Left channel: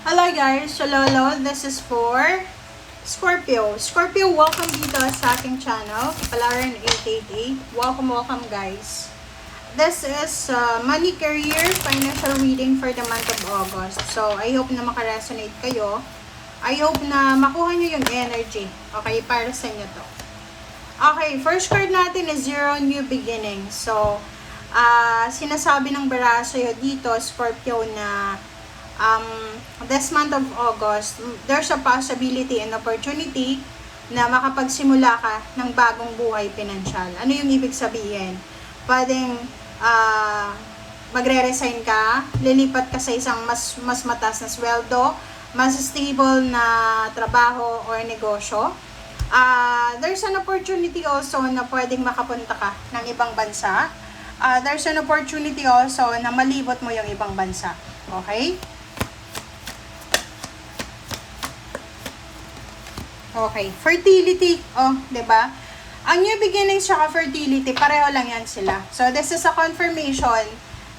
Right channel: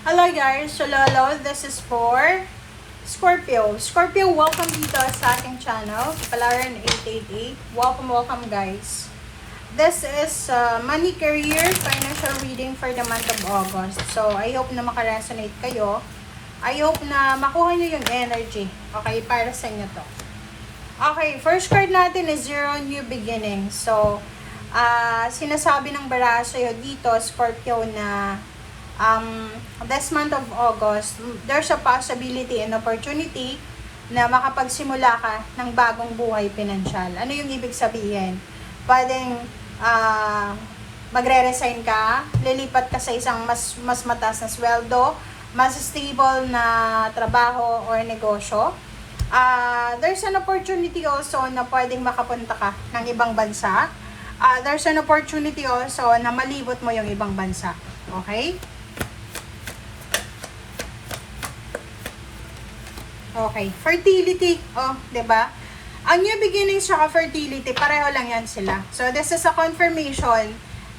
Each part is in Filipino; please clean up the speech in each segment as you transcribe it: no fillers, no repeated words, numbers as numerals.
Hello guys, Shalolo. This is for Scorpio. Scorpio, welcome dito sa aking channel, Palarin 888. Welcome guys. This is money, career, financial reading for the month of August. So, I hope na makaresonate kayo. I hope na makuha nyo yung energy. Okay, para sa inyo to. Okay, first card natin is Zero New Beginning. So, sinasabi ng baraso dito, Scorpio, na this month of August, there's a possibility and opportunity na makapagsimula ka ng bagong buhay pinansyal. Ano yung ibig sabihin? Pwedeng magre-resign ka, lilipat ka sa isang mas mataas na sweldo, mas stable na trabaho or negosyo. There's an opportunity also na pwedeng makapunta ka ng ibang bansa. There's an opportunity also na malibot mo yung ibang bansa. Okay? Okay, fertility. Oh, 'di ba? Ang new beginnings at fertility, pareho lang 'yan sila. So this is a confirmation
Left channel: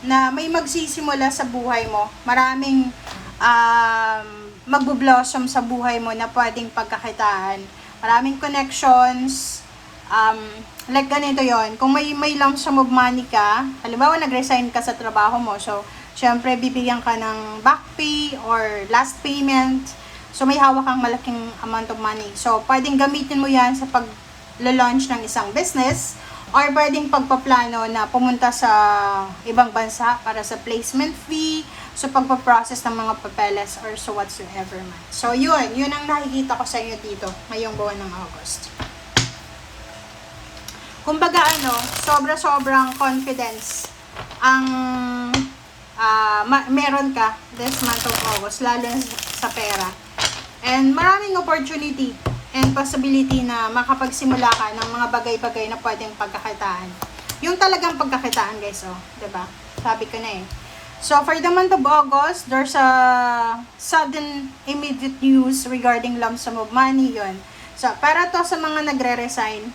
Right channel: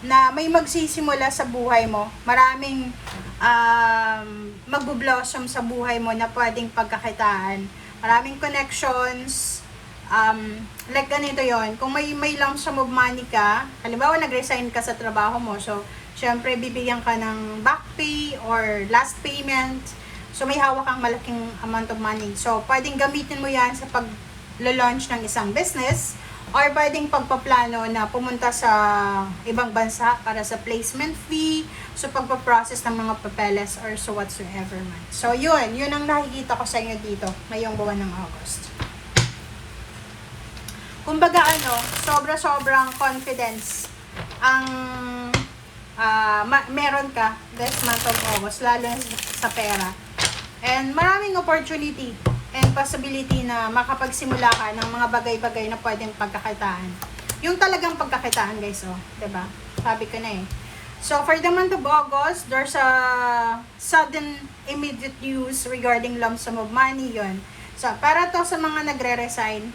na may magsisimula sa buhay mo. Maraming magbo-blossom sa buhay mo na pwedeng pagkakitaan. Maraming connections. Like ganito 'yon. Kung may lump sum of money ka, halimbawa nag-resign ka sa trabaho mo. So, syempre bibigyan ka ng back pay or last payment. So, may hawak kang malaking amount of money. So, pwedeng gamitin mo yan sa pag-launch ng isang business or pwedeng pagpaplano na pumunta sa ibang bansa para sa placement fee, so pagpaprocess ng mga papeles or so whatsoever man. So, yun ang nakikita ko sa inyo dito ngayong buwan ng August. Kumbaga sobra-sobrang confidence ang meron ka this month of August, lalo sa pera. And maraming opportunity and possibility na makapagsimula ka ng mga bagay-bagay na pwedeng pagkakitaan. Yung talagang pagkakitaan, guys, diba? Sabi ko na eh. So, for the month of August, there's a sudden immediate news regarding lump sum of money, yun. So, para to sa mga nagre-resign,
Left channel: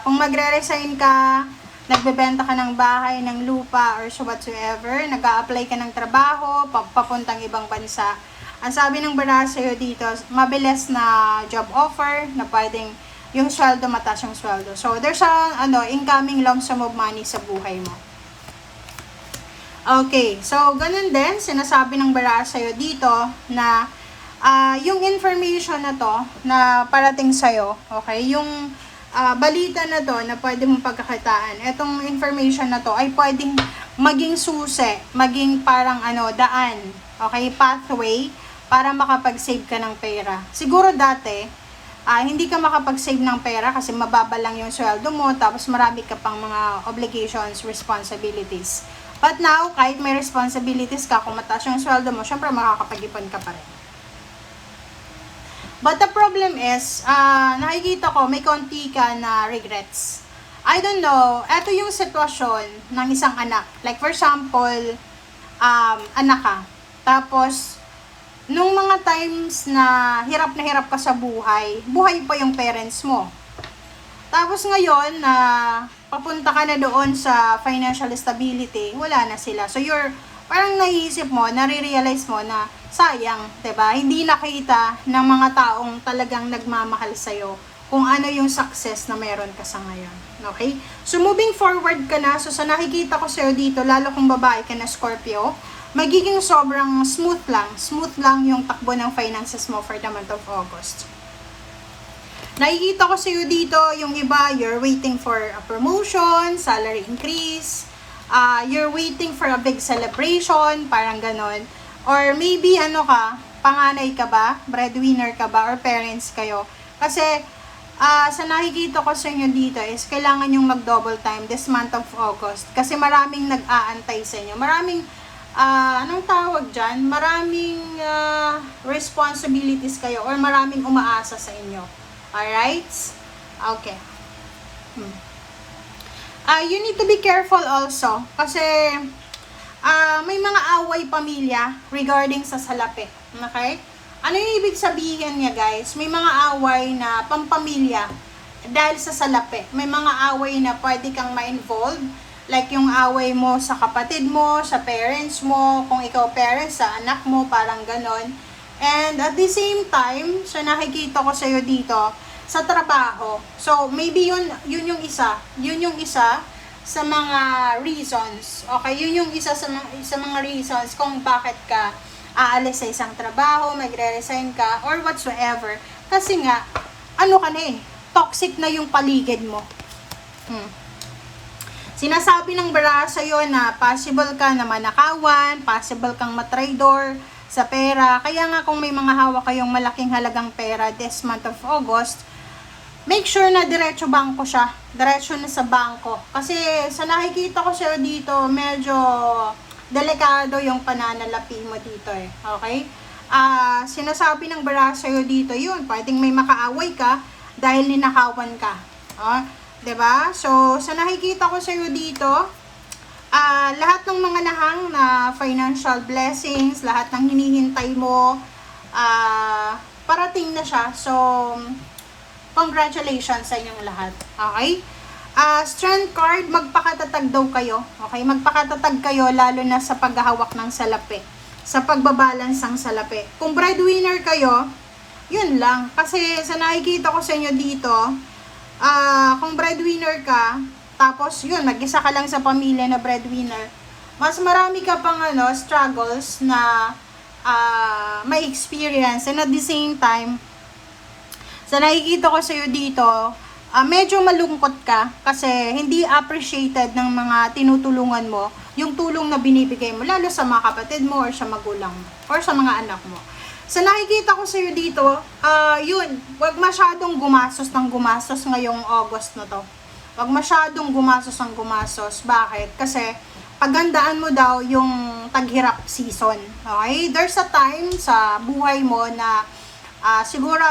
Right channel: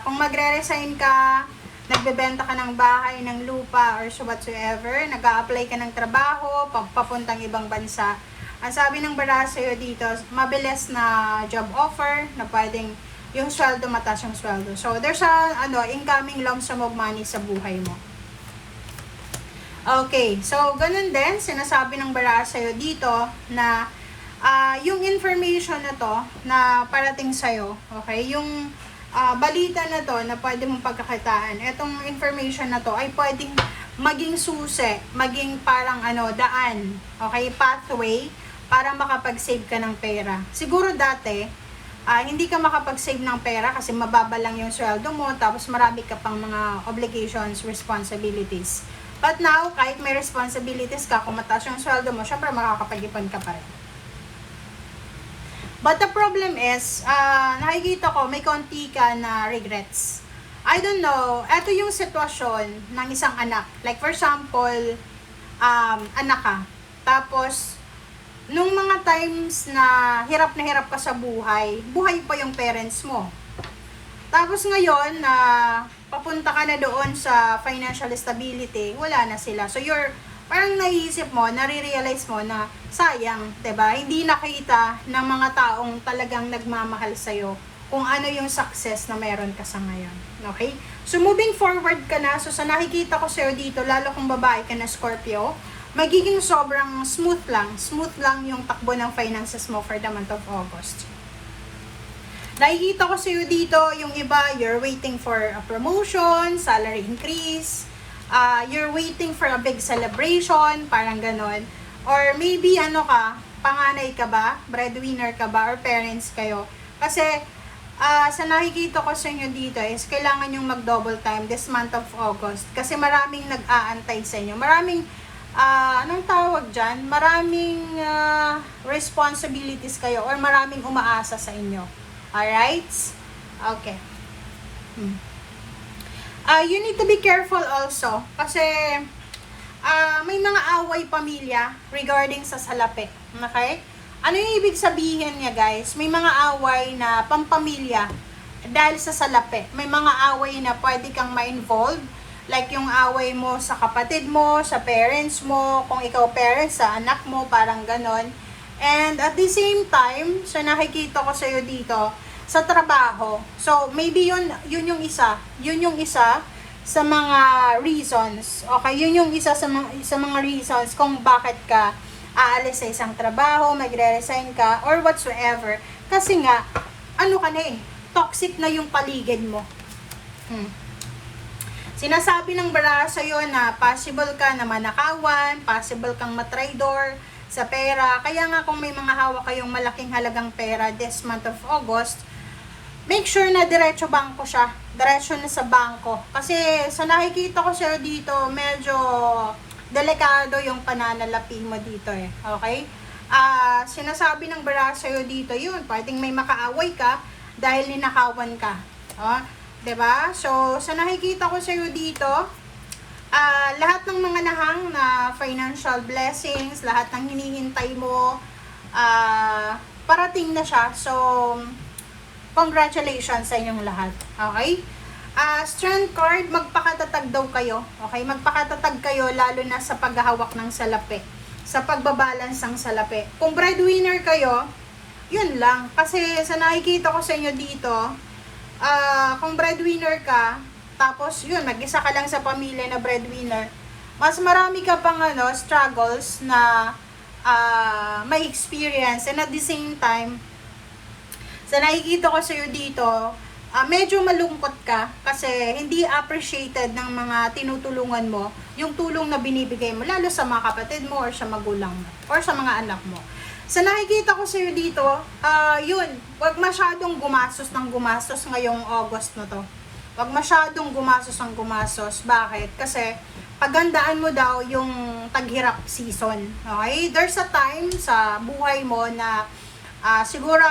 kung magre-resign ka, nagbebenta ka ng bahay, ng lupa, or so whatsoever, nag-a-apply ka ng trabaho, papuntang ibang bansa, ang sabi ng baraso dito, mabilis na job offer na pwedeng yung sweldo, mataas yung sweldo. So, there's a incoming lump sum of money sa buhay mo. Okay, so ganun din, sinasabi ng baraso dito na yung information na to na parating sa'yo, okay, yung balita na to na pwede mong pagkakitaan, itong information na to ay pwedeng maging susi, maging parang daan, okay, pathway, para makapag-save ka ng pera. Siguro dati, hindi ka makapag-save ng pera kasi mababa lang yung sweldo mo, tapos marami ka pang mga obligations, responsibilities. But now, kahit may responsibilities ka, kung mataas yung sweldo mo, syempre makakapag-ipon ka pa rin. But the problem is, nakikita ko, may konti ka na regrets. I don't know, eto yung sitwasyon ng isang anak. Like for example, anak ka. Tapos, nung mga times na hirap ka sa buhay pa yung parents mo. Tapos ngayon, na papunta ka na doon sa financial stability, wala na sila. So, parang naiisip mo, nare-realize mo na sayang, 'di ba? Hindi nakita ng mga taong talagang nagmamahal sa'yo kung ano yung success na meron ka sa ngayon. Okay? So, moving forward ka na. So, sa nakikita ko sa'yo dito, lalo kung babae ka na Scorpio, magiging sobrang smooth lang yung takbo ng finances mo for the month of August. Nakikita ko sa iyo dito, yung iba, you're waiting for a promotion, salary increase, you're waiting for a big celebration, parang ganon. Or maybe, panganay ka ba, breadwinner ka ba, or parents kayo. Kasi, sa nakikita ko sa inyo dito is, kailangan yung mag-double time this month of August. Kasi maraming nag-aantay sa inyo. Maraming anong tawag dyan? Maraming responsibilities kayo or maraming umaasa sa inyo. Alright? Okay. You need to be careful also kasi may mga away pamilya regarding sa salapi. Okay? Ano yung ibig sabihin niya, guys? May mga away na pampamilya dahil sa salapi. May mga away na pwede kang ma-involve Like yung away mo sa kapatid mo, sa parents mo, kung ikaw parents, sa anak mo, parang ganon. And at the same time, so nakikita ko sa'yo dito, sa trabaho. So, maybe yun yung isa sa mga reasons. Okay, yun yung isa sa mga reasons kung bakit ka aalis sa isang trabaho, magre-resign ka, or whatsoever. Kasi nga, ano ka na toxic na yung paligid mo. Sinasabi ng bara sa'yo na possible ka na manakawan, possible kang matraidor sa pera. Kaya nga kung may mga hawak kayong malaking halagang pera this month of August, make sure na diretso bangko siya. Diretso na sa bangko. Kasi sa nakikita ko sa'yo dito, medyo delikado yung pananalapi mo dito Okay? Sinasabi ng bara sa'yo dito yun, pwedeng may makaaway ka dahil ninakawan ka. Diba? So, sa nakikita ko sa'yo dito, lahat ng mga nahang na financial blessings, lahat ng hinihintay mo, parating na siya. So, congratulations sa inyong lahat. Okay? Strength card, magpakatatag daw kayo. Okay? Magpakatatag kayo lalo na sa paghahawak ng salapi. Sa pagbabalance ng salapi. Kung breadwinner kayo, yun lang. Kasi sa nakikita ko sa inyo dito, kung breadwinner ka, tapos yun, mag-isa ka lang sa pamilya na breadwinner, mas marami ka pang struggles na may experience. And at the same time, sa nakikita ko sa'yo dito, medyo malungkot ka kasi hindi appreciated ng mga tinutulungan mo yung tulong na binibigay mo, lalo sa mga kapatid mo or sa magulang mo or sa mga anak mo. Sa nakikita ko sa'yo dito, yun, wag masyadong gumastos ng gumastos ngayong August na to. Wag masyadong gumastos ng gumastos. Bakit? Kasi pagandaan mo daw yung taghirap season. Okay? There's a time sa buhay mo na siguro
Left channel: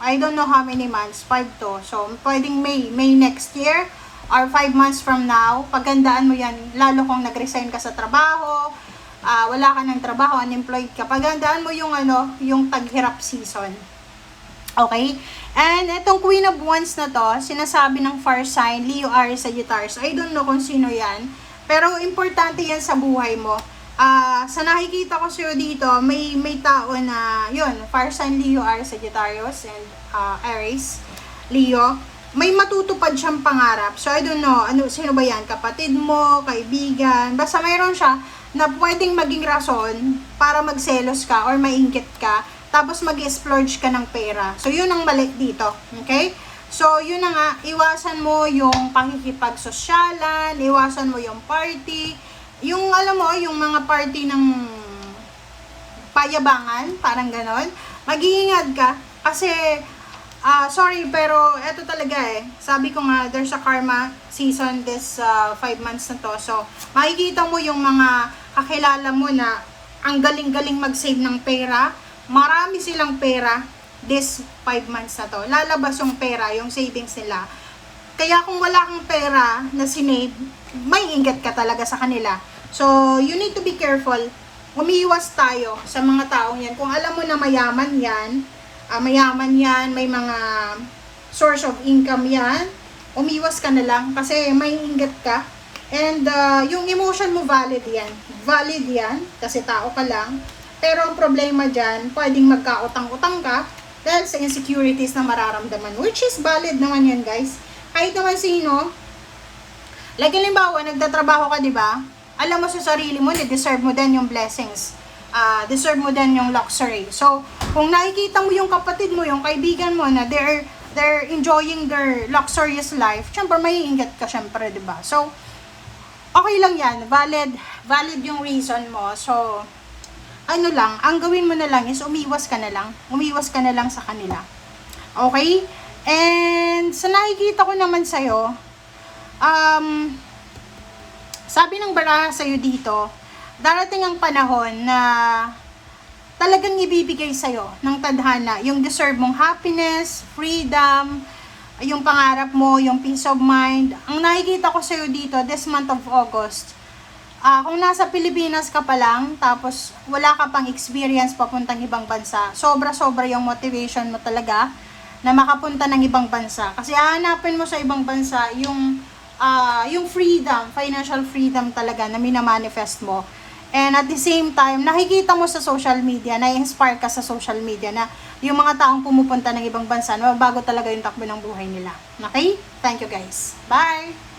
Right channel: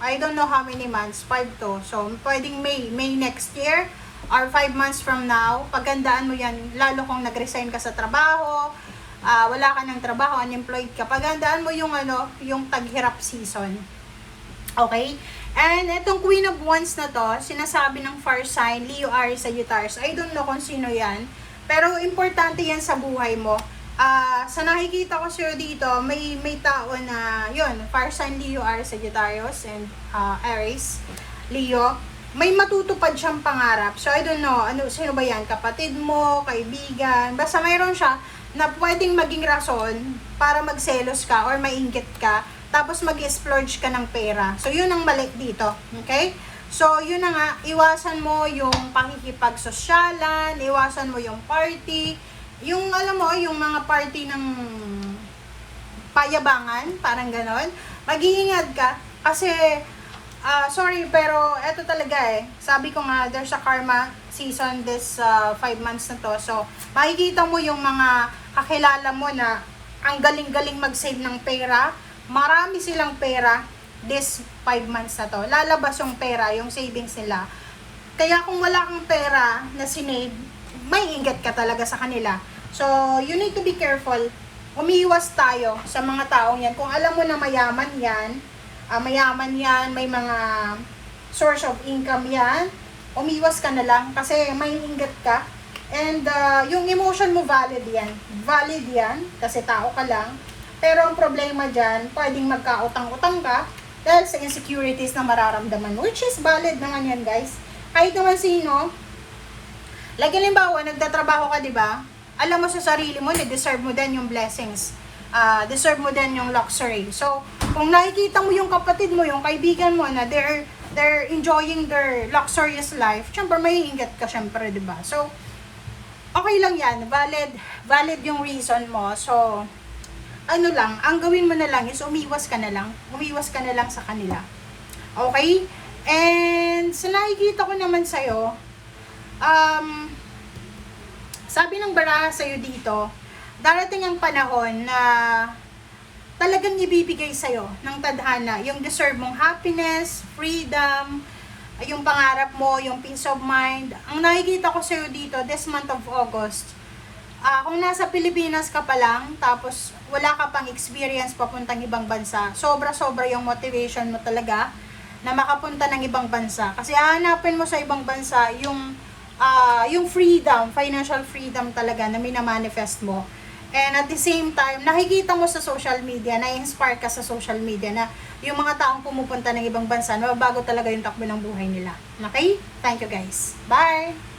I don't know how many months, 5 to. So, pwedeng May next year or 5 months from now, pagandaan mo yan, lalo kung nag-resign ka sa trabaho, wala ka ng trabaho, unemployed ka, pagandaan mo yung yung taghirap season. Okay? And itong Queen of Wands na to, sinasabi ng fire sign, Leo, Aries, Sagittarius. I don't know kung sino yan, pero importante yan sa buhay mo. Sa nakikita ko sa'yo dito, may tao na, yun, fire sign, Leo, Aries, Sagittarius, and Aries, Leo. May matutupad siyang pangarap. So, I don't know, sino ba yan? Kapatid mo, kaibigan, basta mayroon siya na pwedeng maging rason para magselos ka or mainggit ka, tapos mag-splurge ka ng pera. So, yun ang mali dito. Okay? So, yun na nga, iwasan mo yung pakikipagsosyalan, iwasan mo yung party, yung, alam mo, yung mga party ng payabangan, parang ganon. Mag-iingat ka, kasi, sorry, pero eto talaga sabi ko nga, there's a karma season this 5 months na to. So, makikita mo yung mga kakilala mo na ang galing-galing mag-save ng pera. Marami silang pera this 5 months na to. Lalabas yung pera, yung savings nila. Kaya kung wala kang pera na sinave, may ingat ka talaga sa kanila. So, you need to be careful. Umiiwas tayo sa mga taong yan. Kung alam mo na mayaman yan, may mga source of income yan, umiwas ka na lang kasi may ingat ka. And yung emotion mo valid yan kasi tao ka lang. Pero ang problema dyan, pwedeng magkautang-utang ka dahil sa insecurities na mararamdaman, which is valid naman yan, guys. Kahit naman sino, like halimbawa, nagtatrabaho ka, di ba? Alam mo sa sarili mo, deserve mo din yung blessings. Deserve mo din yung luxury. So, kung nakikita mo yung kapatid mo, yung kaibigan mo na they're enjoying their luxurious life, syempre may ingat ka syempre, di ba? So, okay lang yan. Valid yung reason mo. So, ano lang, ang gawin mo na lang is umiwas ka na lang. Umiwas ka na lang sa kanila. Okay? And, sa nakikita ko naman sa'yo, sabi ng baraha sa'yo dito, darating ang panahon na talagang ibibigay sa'yo ng tadhana, yung deserve mong happiness, freedom, yung pangarap mo, yung peace of mind. Ang nakikita ko sa'yo dito, this month of August, kung nasa Pilipinas ka pa lang, tapos wala ka pang experience papuntang ibang bansa, sobra-sobra yung motivation mo talaga na makapunta ng ibang bansa. Kasi hahanapin mo sa ibang bansa yung yung freedom, financial freedom talaga na minamanifest mo. And at the same time, nakikita mo sa social media, na-inspire ka sa social media na yung mga taong pumupunta ng ibang bansa, bago talaga yung takbo ng buhay nila. Okay? Thank you guys. Bye!